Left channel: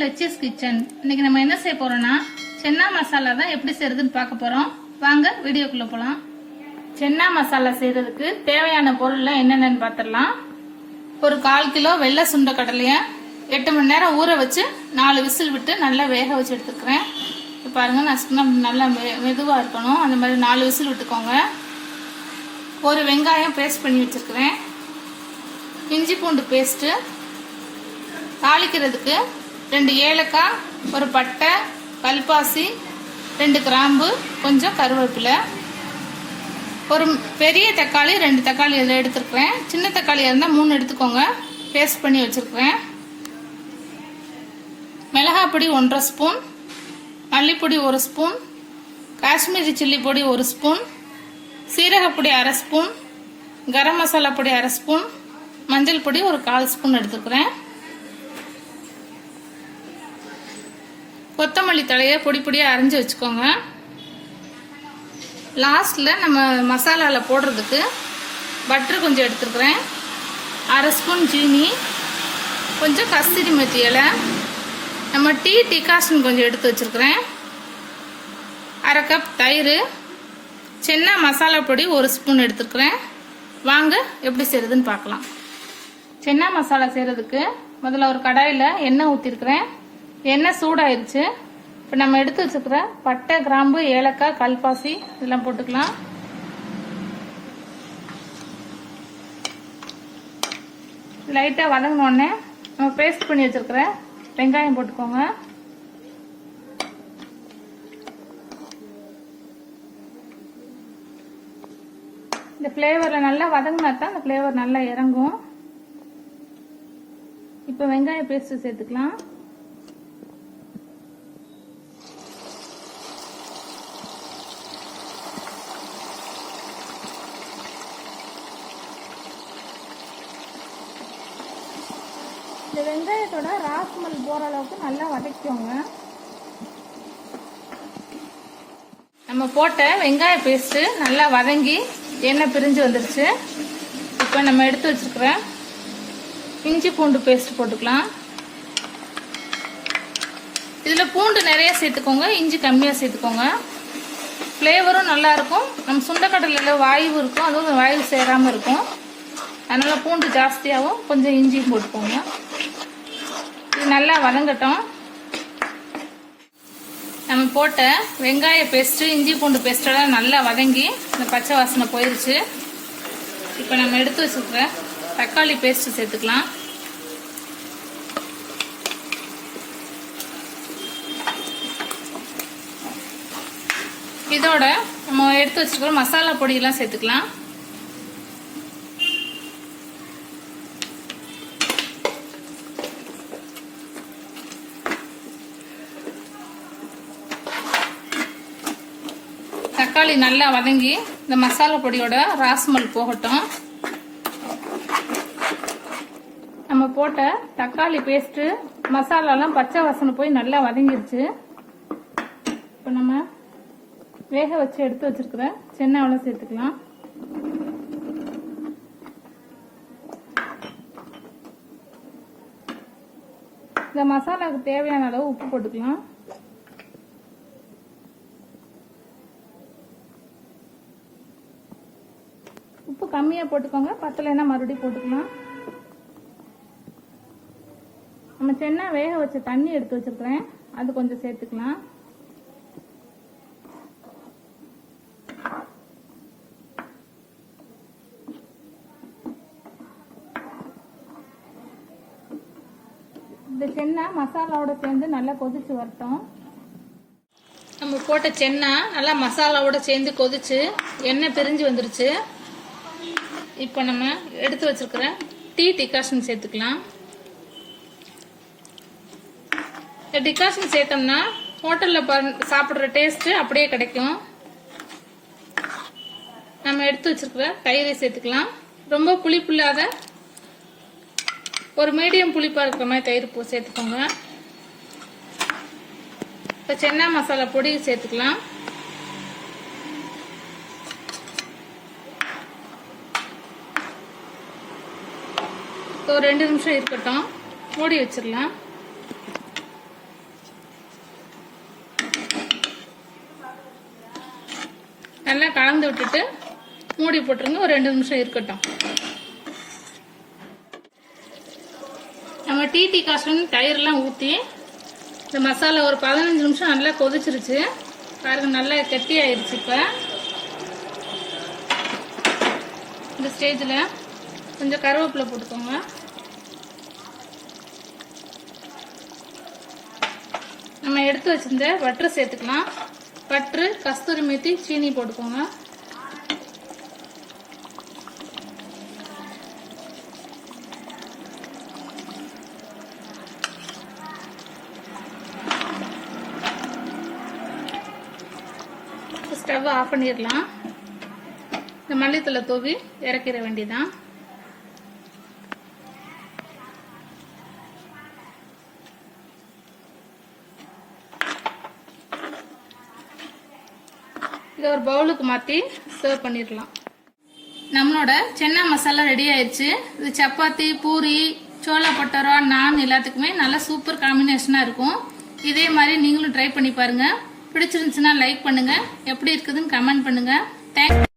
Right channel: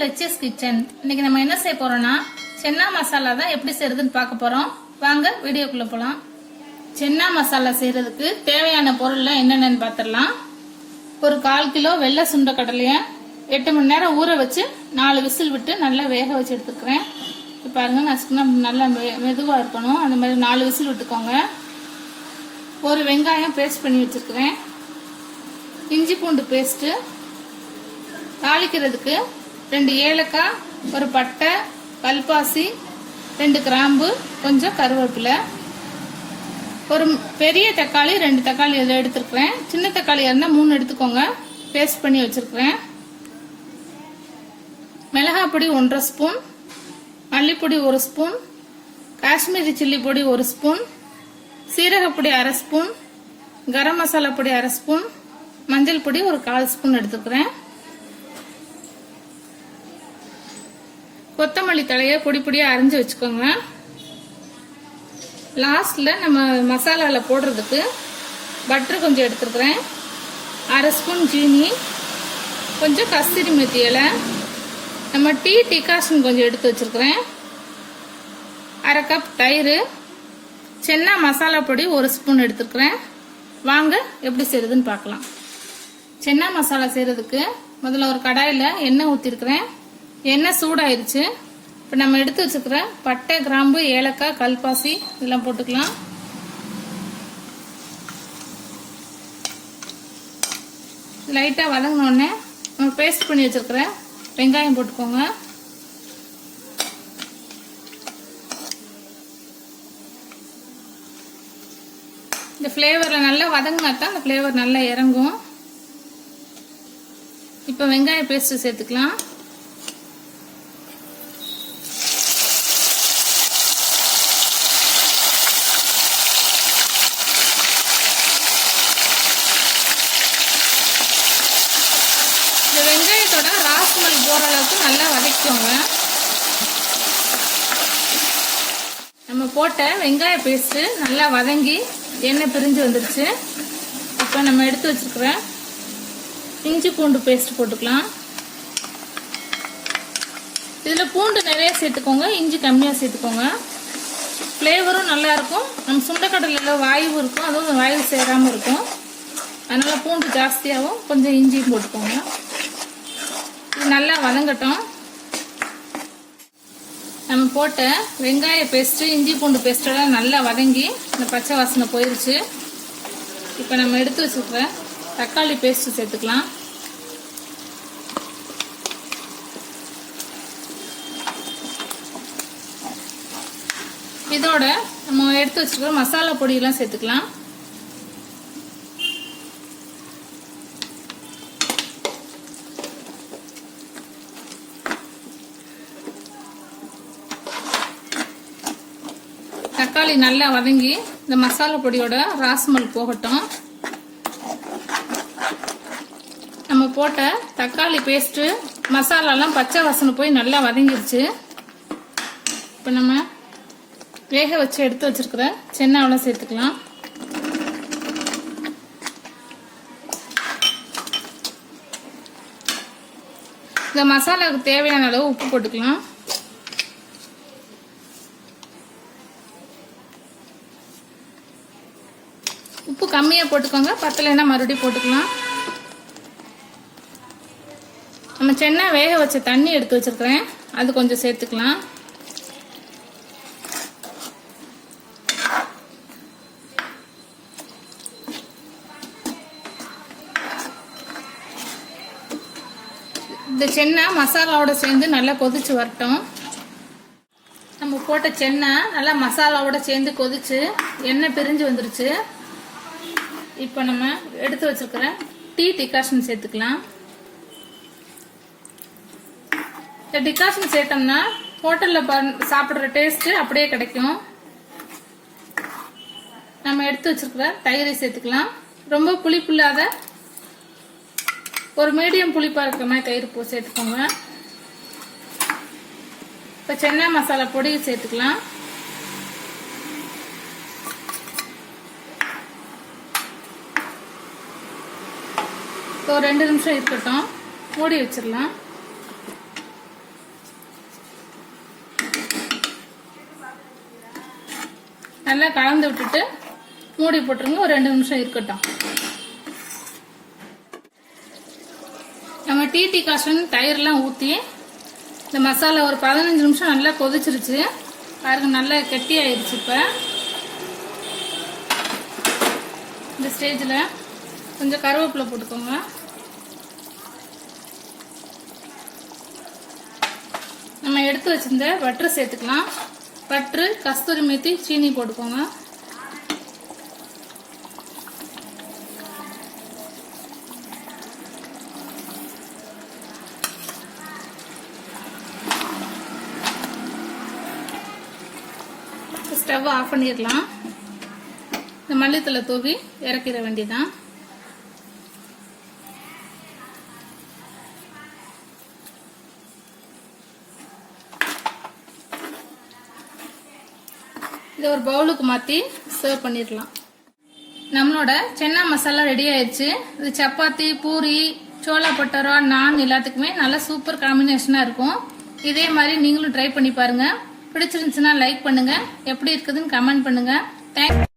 லெச்சஸ் kitchen. இன்னைக்கு நம்ம என்ன செய்ய போறோம்னா சென்னா மசாலா தான் எப்படி செய்யறதுன்னு பார்க்க போறோம். வாங்க வீடியோக்குள்ள போலாம். சென்னா மசாலா செய்யறதுக்கு தேவையான பொருள்லாம் என்னென்னு பார்த்துடலாம். ஒரு 1/4 கிலோ வெள்ளை சுண்ட கடலைய 8 மணி நேரம் ஊற வச்சு 4 விசில் விட்டு நல்லா வேக வச்சு எடுத்துக்கிறேன். இப்போ பாருங்க, நான் நல்லா மெதுவாக இருக்கணும், அந்த மாதிரி 4 விசில் விட்டுக்கோங்க. ஒரு வெங்காயம் பேஸ்ட் பண்ணி வச்சிருக்கிறேன். இஞ்சி பூண்டு பேஸ்ட்டு, தாளிக்கிறதுக்கு 2 ஏலக்காய், ஒரு பட்டை, கல்பாசி, 2 கிராம்பு, கொஞ்சம் கருவேப்பிலை, ஒரு பெரிய தக்காளி 2 தக்காளி இதில் எடுத்துருக்கிறேன். சின்ன தக்காளி இருந்தால் 3 எடுத்துக்கோங்க. பேஸ்ட் பண்ணி வச்சுருக்கிறேன். மிளகாய் பொடி 1½ ஸ்பூன், மல்லிப்பொடி 1 ஸ்பூன், காஷ்மீரி சில்லி பொடி 1 ஸ்பூன், சீரகப்பொடி 1/2 ஸ்பூன், கரம் மசாலா பொடி 1/2 ஸ்பூன், மஞ்சள் பொடி ஒரு 1/4 ஸ்பூன் எடுத்துக்கிறேன். கொத்தமல்லி தழையை பொடி பொடியாக அரைஞ்சி வச்சுக்கோங்க. லாஸ்ட்டில் நம்ம மசாலாவில் போடுறதுக்கு பட்டர் கொஞ்சம் எடுத்துருக்குறேன். 1/2 ஸ்பூன் ஜீனி, கொஞ்சம் கஸ்தூரி மெத்தி இலை, நம்ம டீ டிகாஷன் கொஞ்சம் எடுத்து வச்சுருக்கிறேன். 1/2 கப் தயிர், சென்னா மசாலா பொடி 1 ஸ்பூன் எடுத்துருக்குறேன். வாங்க எப்படி செய்யறதுன்னு பார்க்கலாம். சென்னா மசாலா செய்கிறதுக்கு முதல்ல ஒரு கடாயில் எண்ணெய் ஊற்றிருக்கிறேன். எண்ணெய் சூடாயிருச்சு. இப்போ நம்ம எடுத்து வச்சுக்கிற பட்டை, கிராம்பு, ஏலக்காய், கல்பாசி இதெல்லாம் போட்டுக்கலாம். லைட்டாக வதங்கினோடனே நம்ம பேஸ்ட் பண்ணி வச்சுருக்கிற வெங்காயம் போட்டுக்கோங்க. இந்த ஃப்ளேவரில் நல்லா வதங்கினா தான் அந்த ஃப்ளேவர் நல்லா இறங்கும். இப்போ வெங்காய பேஸ்ட்டு சேர்த்துக்கலாம். இந்த வெங்காயத்தோட ராஸ்மல் போகிற அளவுக்கு நல்லா வதக்கிக்கோங்க. நம்ம போட்ட வெங்காய பேஸ்ட்டு நல்லா வதங்கி எண்ணெய் பிரிஞ்சு வந்துடுச்சு. இப்போ நம்ம எடுத்து வச்சுருக்கிற இஞ்சி பூண்டு பேஸ்ட் போட்டுக்கலாம். இதில் பூண்டு நிறைய சேர்த்துக்கோங்க, இஞ்சி கம்மியாக சேர்த்துக்கோங்க. ஃப்ளேவரும் நல்லா இருக்கும். நம்ம சுண்டைக்கடலையில் வாய்வு இருக்கும், அதுவும் வாய்வு சேராமல் இருக்கும். அதனால் பூண்டு ஜாஸ்தியாகவும் கொஞ்சம் இஞ்சியும் போட்டுக்கோங்க. இது நல்லா வதங்கட்டும். நம்ம போட்ட வெங்காய பேஸ்ட்டு, இஞ்சி பூண்டு பேஸ்ட்டெல்லாம் நல்லா வதங்கி இந்த பச்சை வாசனை போயிடுச்சு. இப்போ நம்ம எடுத்து வச்சுருக்கிற தக்காளி பேஸ்ட்டு சேர்த்துக்கலாம். இதோட நம்ம எடுத்து வச்சுருக்கிற மசாலா பொடியெல்லாம் சேர்த்துக்கலாம். தக்காளி நல்லா வதங்கி இந்த மசாலா பொடியோட ராஸ்மல் போகட்டும். நம்ம போட்ட தக்காளி பேஸ்ட்டு, மசாலாலாம் பச்சை வாசனை போய் நல்லா வதங்கிருச்சு. இப்போ நம்ம வேக வச்சு எடுத்து வச்சிருக்கிற சென்னாவெல்லாம் சேர்த்துக்கலாம். இந்த மசாலாவுக்கு தேவையான அளவு உப்பு போட்டுக்கலாம். உப்பு கம்மியாக போட்டுக்கோங்க, பத்தலைன்னா மறுபடியும் போட்டுக்கலாம். நம்ம சென்னா வேக வச்ச தண்ணி எடுத்து வச்சிருக்கிறேன், அது கொஞ்சம் சேர்த்துக்கலாம். இந்த சென்னா மசாலாவோட சேர்ந்து நல்லா கொதிச்சு வரட்டும். நம்ம போட்ட சென்னா நல்லா மசாலாவோட சேர்ந்து கொதிச்சு எண்ணெய் பிரிஞ்சு வந்துருச்சு. இப்போ நம்ம எடுத்து வச்சிருக்கிற டீ டிகாஷன் சேர்த்துக்கலாம். இந்த டிகாஷன் சேர்த்தோம்னா ஹோட்டலில் சாப்பிட்ற டேஸ்ட்டு அப்படியே கிடைக்கும். நம்ம எடுத்து வச்சிருக்கிற தயிரை சேர்த்துக்கலாம். ரொம்ப புளிப்பு இல்லாத ஒரு மீடியம் புளிப்பாக இருக்கிற மாதிரி தயிர் சேர்த்துக்கோங்க. இப்போ சென்னா மசாலா பொடி சேர்த்துக்கலாம். ஒரு 2 நிமிஷம் இருக்கட்டும், மூடி வச்சிடலாம். விட்டுட்டு மூடி போட்டுருங்க. ஒரு 2 நிமிஷம் இருக்கட்டும். நம்ம டீ டிகாஷன் தயிர்லாம் ஊற்றி இந்த மசாலா ஒரு 15 நிமிஷம் நல்லா கொதிச்சிருச்சு பாருங்க. நல்லா கெட்டி ஆயிடுச்சு. இப்போ இந்த ஸ்டேஜில் கொஞ்சம் கருவேப்பிலை போட்டுக்கோங்க. நம்ம எடுத்து வச்சிருந்த பட்டர் சேர்த்துக்கலாம். பட்டர், கஸ்தூரி மேத்தி, சீனி போட்டுக்கோங்க. ஸ்டவ் ஆஃப் பண்ணிடலாம். இந்த மல்லித்தலை தூவி இறக்கிட வேண்டியதான். இதை ஒரு பவுலுக்கு மாற்றி சர்வ் பண்ணிடலாம். நம்மளோட சென்னா மசாலா ரெடி ஆயிடுச்சு. இது சப்பாத்தி, பூரி, சோளா பட்டரா, நான் எல்லாத்துக்குமே நல்ல சூப்பர் காம்பினேஷனாக இருக்கும். இதே மாதிரி நீங்களும் ட்ரை பண்ணி பாருங்க. பிடிச்சிருந்துச்சுன்னா லைக் பண்ணுங்க. எப்படி இருக்குதுன்னு கமெண்ட் பண்ணுங்க. தேங்க்ஸ்.